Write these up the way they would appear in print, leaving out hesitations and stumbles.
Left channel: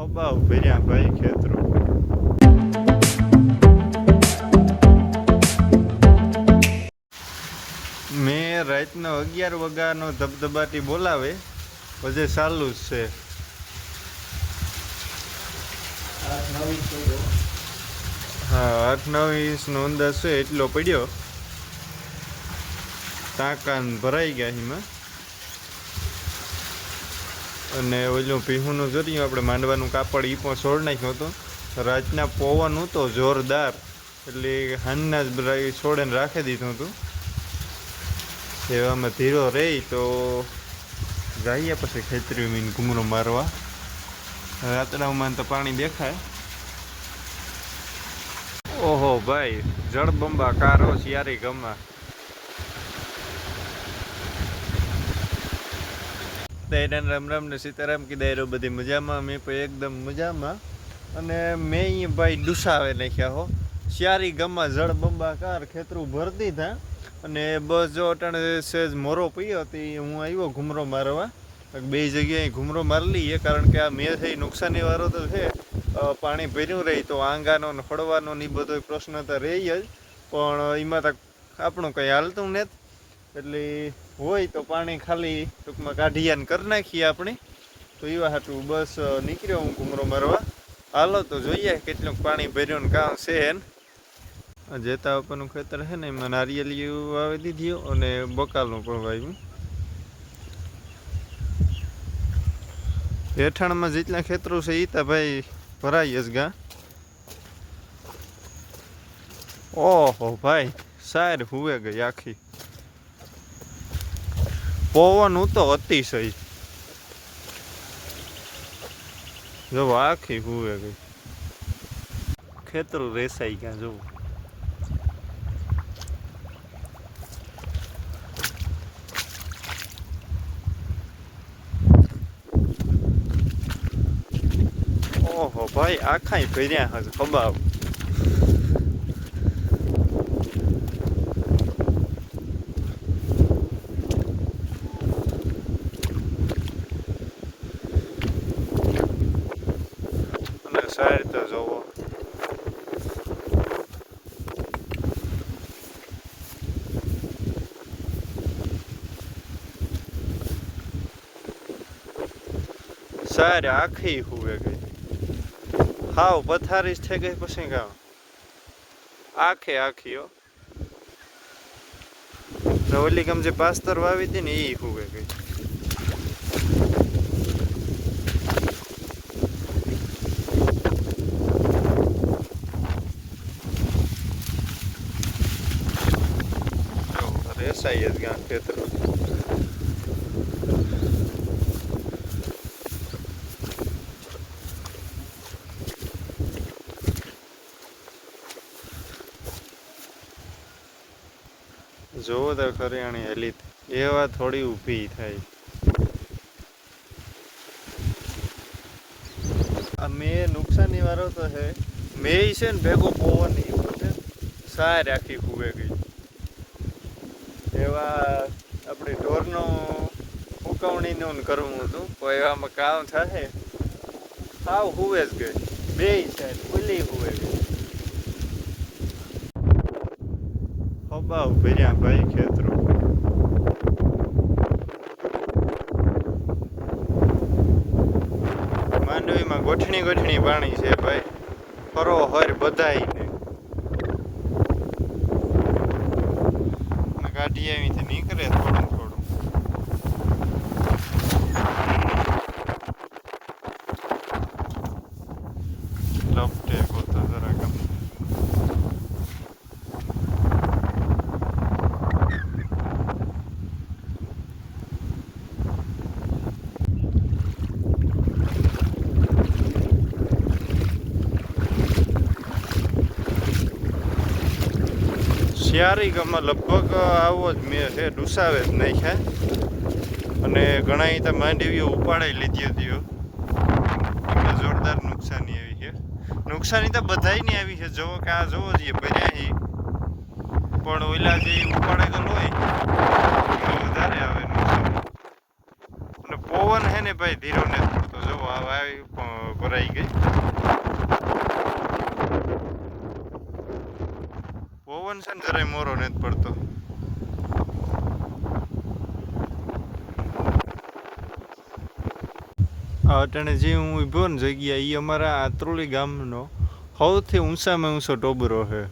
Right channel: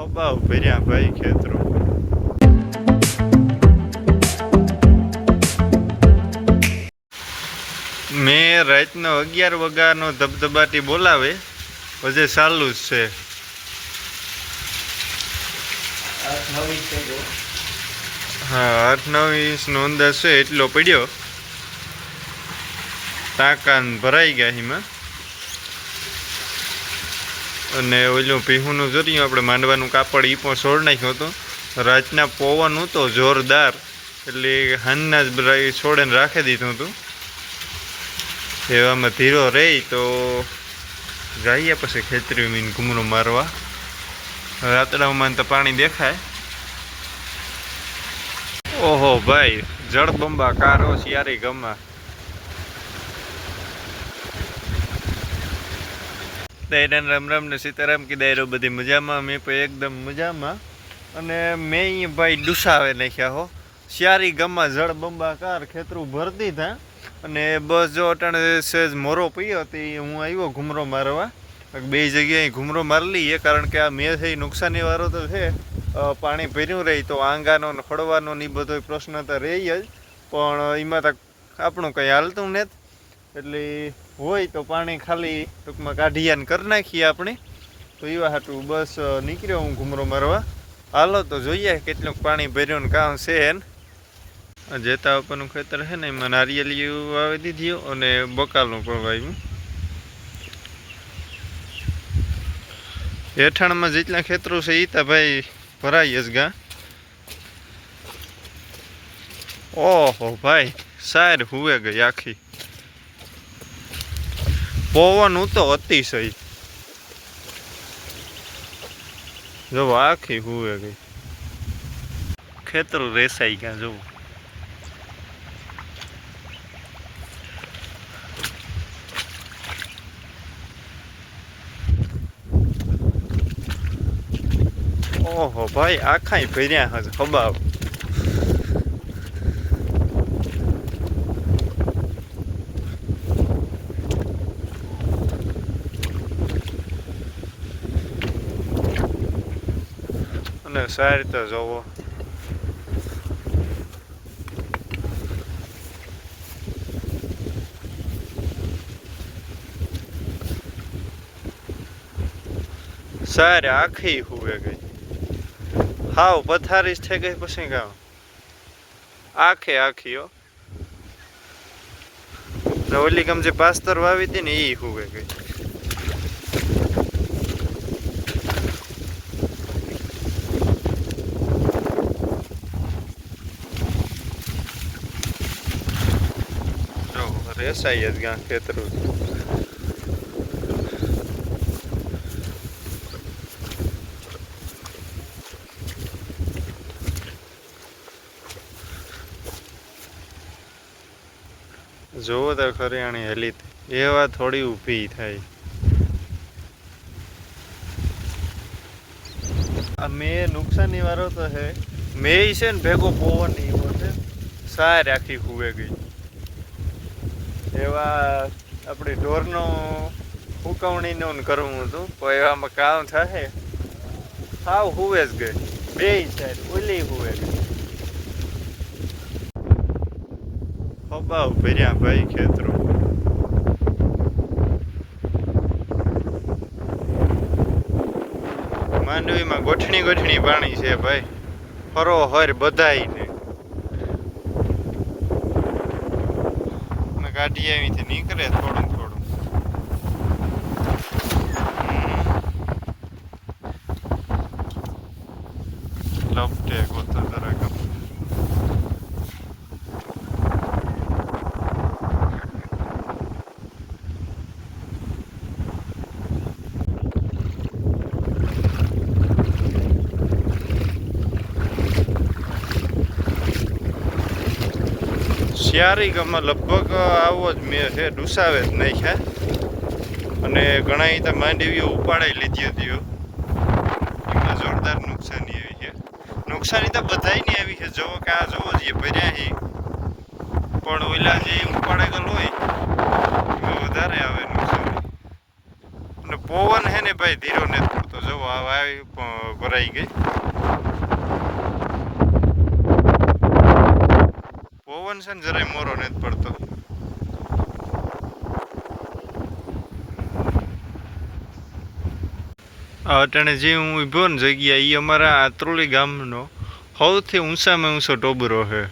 ખબાવ ભર્યા ભાઈ ખેતરો. મેં રાતનો 11 વાગ્યાનો ધબધબાટી બોલાવે પછી ચાલુ જ છે. હા 8-9 ઇંચનો અંદાજ છે એટલો પડ્યો. ટાંકા ભરાઈ ગયા એમાં. અને ઓલું પીહુંનું જોયું આપણે માંડવાનું કાપડ એ પણ છોડ નાખ્યો હતો. રાતના પવન હતો જોરદાર એટલે હાનના જ બધા છોડેને રાખી દીધું હતું. એવામાં ધીરો રહી તો જઈએ પછી ખેતરી મીન ઘૂમરો મારવા. રાતડામાં તો પાણી દેખાય. ઓહો ભાઈ જળબંબા કારો શિયારી ગમા. દાયરાન રામ રામ ને સીતારામ કી દાયરો બધી મજામાં. મેં પણ એકદમ મજામાં. અને મેં અહીંયા ભાઈ ડુસાવે નાખ્યા હો. શિયારી ગમા જળબંબા કાર ખેતરું ભરતી હતા. અને બસ જો અટાણે સેજ મોરો પીયો હતી હું આવ્યો ઘૂમરો મારવા. બે જગ્યાએ ઘૂમરો મારી લઈએ કારણ કે આ મેં થઈ નુકસાની વાળો તો છે. પાણી ભર્યું રહી તો આંગાનો ને ખડવાનો ને એ બધો પ્રશ્ન તો રહી જ. પણ એમાં તો આપણું કંઈ હાલતું નથી. એટલે હોય તો પાણી ખાલી ટૂંકમાં કાઢીયાને કરી નાખીએ આપણે. તો એવા હાટું બસ નીકળ્યો હું ઘૂમરો મારવા. હાલો તો જોઈએ કેટલું પાણી ભર્યું ને કામ છે ને. જેતા ઉપરનું ખેતર છે ને એમાં નારિયેલી વાવી દીધી અને બકાલનું પણ વાવ્યું. હેઠાણમાં જેટલા ખેતરો છે એ તો ભાઈ ભરાઈ જ ગા. ઓહો ભાઈ સાર હુવે ગઈ આખી. પવન તો અતિશય જો આખી હુવે ગઈ. ખેતરો રેસાઈ ગયા જોવું. ઓહો ભાઈ આખાય ભર્યા હજ ખબાવ. અને સારી તો જોવો. સારી આખી હુવે ગઈ. હાવ પથારી થઈ ગઈ પછી ગામ આખે આખી હો. ઓલી ગમ જે પાસ્તર વાવી હતી ને એ હુવે ગઈ. રેસાઈ જ ગયા ખેતરું. જોવો તો ખરી હેલી એવા થોડી ઊભી થાય. આ મેં નુકસાની વાળો તો છે. મેં છે ને ભેગો પવન એવો છે સારી આખી હુવે ગઈ. એવા આપણે ઢોરનો ઉકવણીનું કરવું હતું પણ એવામાં કામ થાય હાવ હુવે જ ગઈ. બે સાઈડ ઓલી હુવે ગઈ. ખબાવ ભર્યા ભાઈ ખેતરો. માંડવીમાં ગોઠણી ગોઠણી પાણી છે ભાઈ. ફરો હર બધાઈને કાઢી આવીથી નીકળે થોડું થોડું. લપટે ગોતા જરાક. શિયારી ગામમાં લગભગ આવો જ મેં છે ડુસાવે જ નહીં છે. અને ઘણા તો માંડવીઓ ઉપાડાઈ લીધી હતી. એમને જોરદાર નુકસાની આવી છે. નુકસાની તો બધાયની આવી છે. જોવો કે આ જોવો જોઈએ ભર્યા હી પણ ઓલા જે ઉપાડે ગયેલ હોય એમાં વધારે આવે નુકસાની. અને પવન હે ને ભાઈ ધીરો નથી પડતો. જોવો આવી ભરાઈ ભરાઈ ગઈ. પવન છે ને જરાય મોરો નથી પડતો. અટાણે જે હું ઊભો ને જગ્યા એ અમારા આત્રોલી ગામનો સૌથી ઊંચામાં ઊંચો ટોબરો છે.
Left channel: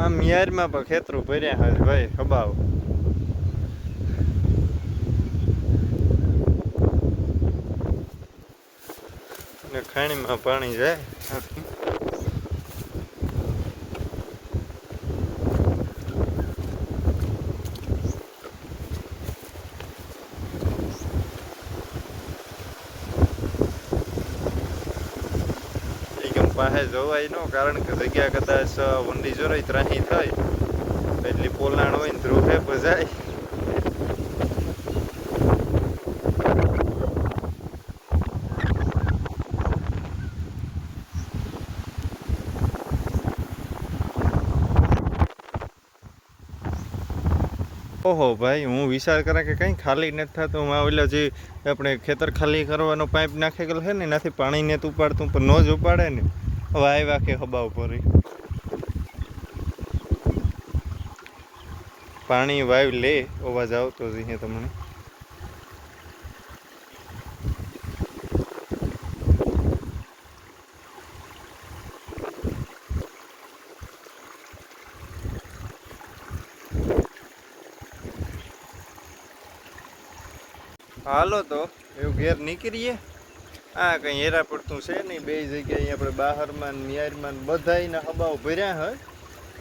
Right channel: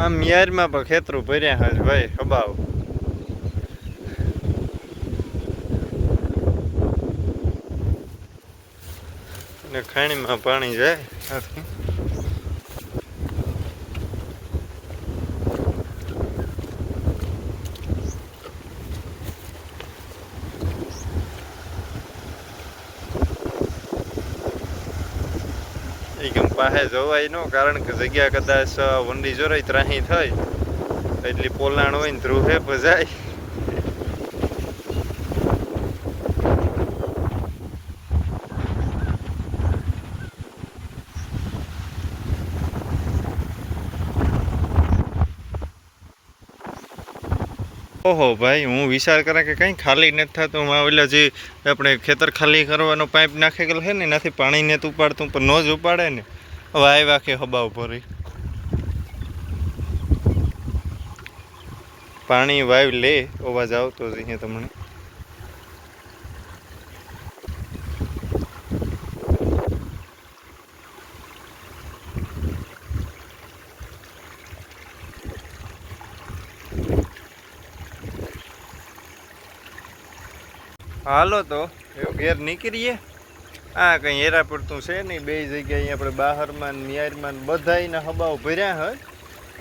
આમ યારમાં પણ ખેતરું ભર્યા હશે ભાઈ હબાવ. ને ખાણીમાં પાણી જાય આથી. પાસે જોવાય ન, કારણ કે જગ્યા કદાચ વંડી જોરાય ત્રાહી થાય એટલી પોલાણ હોય ને ધ્રુવે ભજાય. ઓહો ભાઈ, હું વિચાર કરા કે કંઈ ખાલી નથી થતું. હું ઓલા જે આપણે ખેતર ખાલી કરવાનો પાઇપ નાખેલો છે ને એનાથી પાણી નથી ઉપાડતું, પણ ન જ ઉપાડે ને. હવે આવ્યા કે હબાવ ભરી પાણી વાવ લે, અવાજ આવતો જ અહીંયા તમને. હાલો તો એવું ઘેર નીકળીએ. આ કંઈ હેરા પડતું છે નહીં. બે જગ્યાએ આપણે બહારમાં નિયારમાં બધાયના હબાવ ભર્યા હોય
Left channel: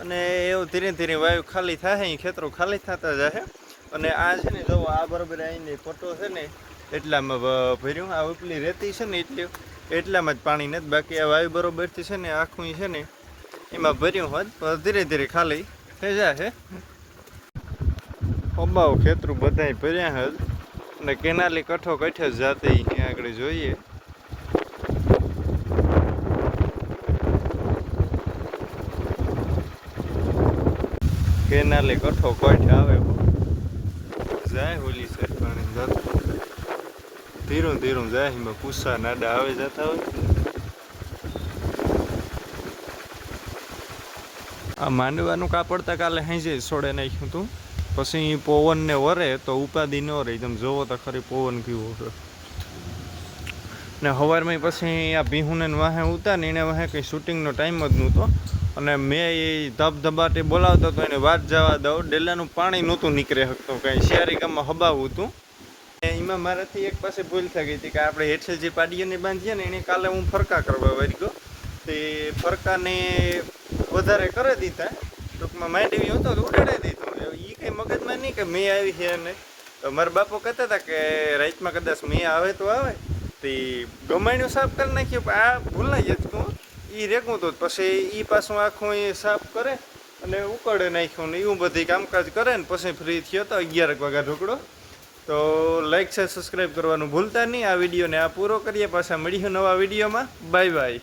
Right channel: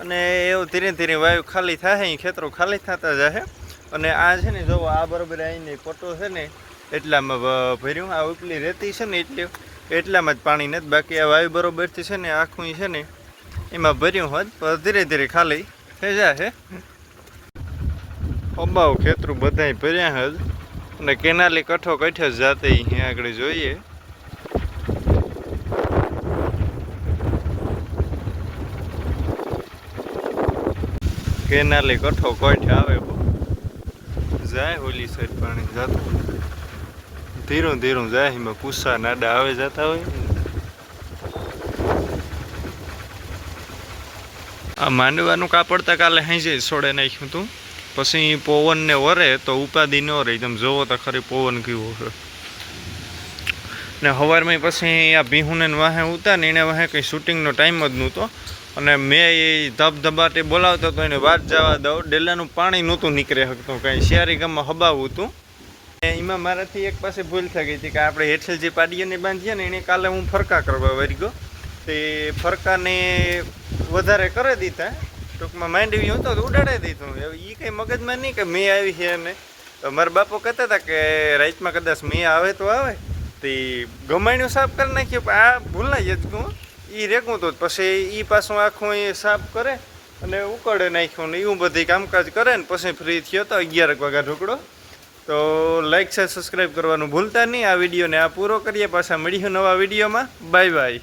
અને એવું ધીરે ધીરે વાયુ ખાલી થાય, ખેતરો ખાલી થતા જશે. અને આ છે ને જો આ બરાબર અહીંની પટ્ટો છે ને એટલામાં ભર્યું. આ ઉપલી રેતી છે ને એટલામાં જ પાણી નથી. બાકી આ વાયુ બરોબરથી છે ને આખું છે ને એમાં ભર્યું હોત ધીરે ધીરે ખાલી થઈ જશે. હબાવ ખેતરું બધાય ભર્યા હોય અને કેનાલી કઠો કઠે જ જાતે અહીંયા આગળ જોઈએ. કેનાલી કઠો કઠ આવે જાય હોલી સાઈડ પાણી જતું ધીરું ધીરું જાય. એમાં કુસ્સા નાડા આવે જતા હોય. આ માંડવાનું કાપડતા કાલે હાંજે છોડે નાખ્યું હતું. પછી પવન ને વરે તો ઉપાધિ ન રહી. તમે જોવો તો ખરી પવન કેવો છે. ને સવારમાં પછી આ ભીહુને વાહે ઉતા ને એને વાહે કંઈ શૂટિંગનો ટાઈમ જ નહોતો. અને મેં એ ધબધબાટી બોલાવતો હતો એને વાત જવા દઉં. ડેલાનું પાણી નહોતું નીકળે શકતું, કાંઈ શિયારી ગામમાં હબાવું હતું. એમાં મારાથી એક પાસે ભૂલ થઈ ગઈ હતી કે આપણે હેઠળ જે પાડીઓને બાંધીએ ને એને કાલે હું ફરકા કરવા વળી ગયો. તે ફરકાને વધારે કરી દીધા. ટૂંકમાં માંડવી હતો તો ઉડાડી દીધો. એ કંઈ મગજમાં નહીં કે મેં આવી છે. અને મારા બાપો કહેતા હતા કે રાતમાં કદાચ મેં આવે તો આવે. તે ગમાણ્યું સાફ કરી નાખ્યું, પણ આ ભૂલાઈ જતું એ રેગું તો પછી એ પાછું આખું એ સાફ કરે અને ઉકળે નાખ્યું ને એવું બધી કામકાજ કરે ને પછી ફ્રી થયો તો 11 વાગ્યા ઢોકળો. તો લાઈક છે, સબસ્ક્રાઈબ કરવાનું ભૂલતા નહીં. આ વિડીયોને આ પૂરો કરીએ. પાછા મળીશું નવા વિડીયોમાં. Bye bye.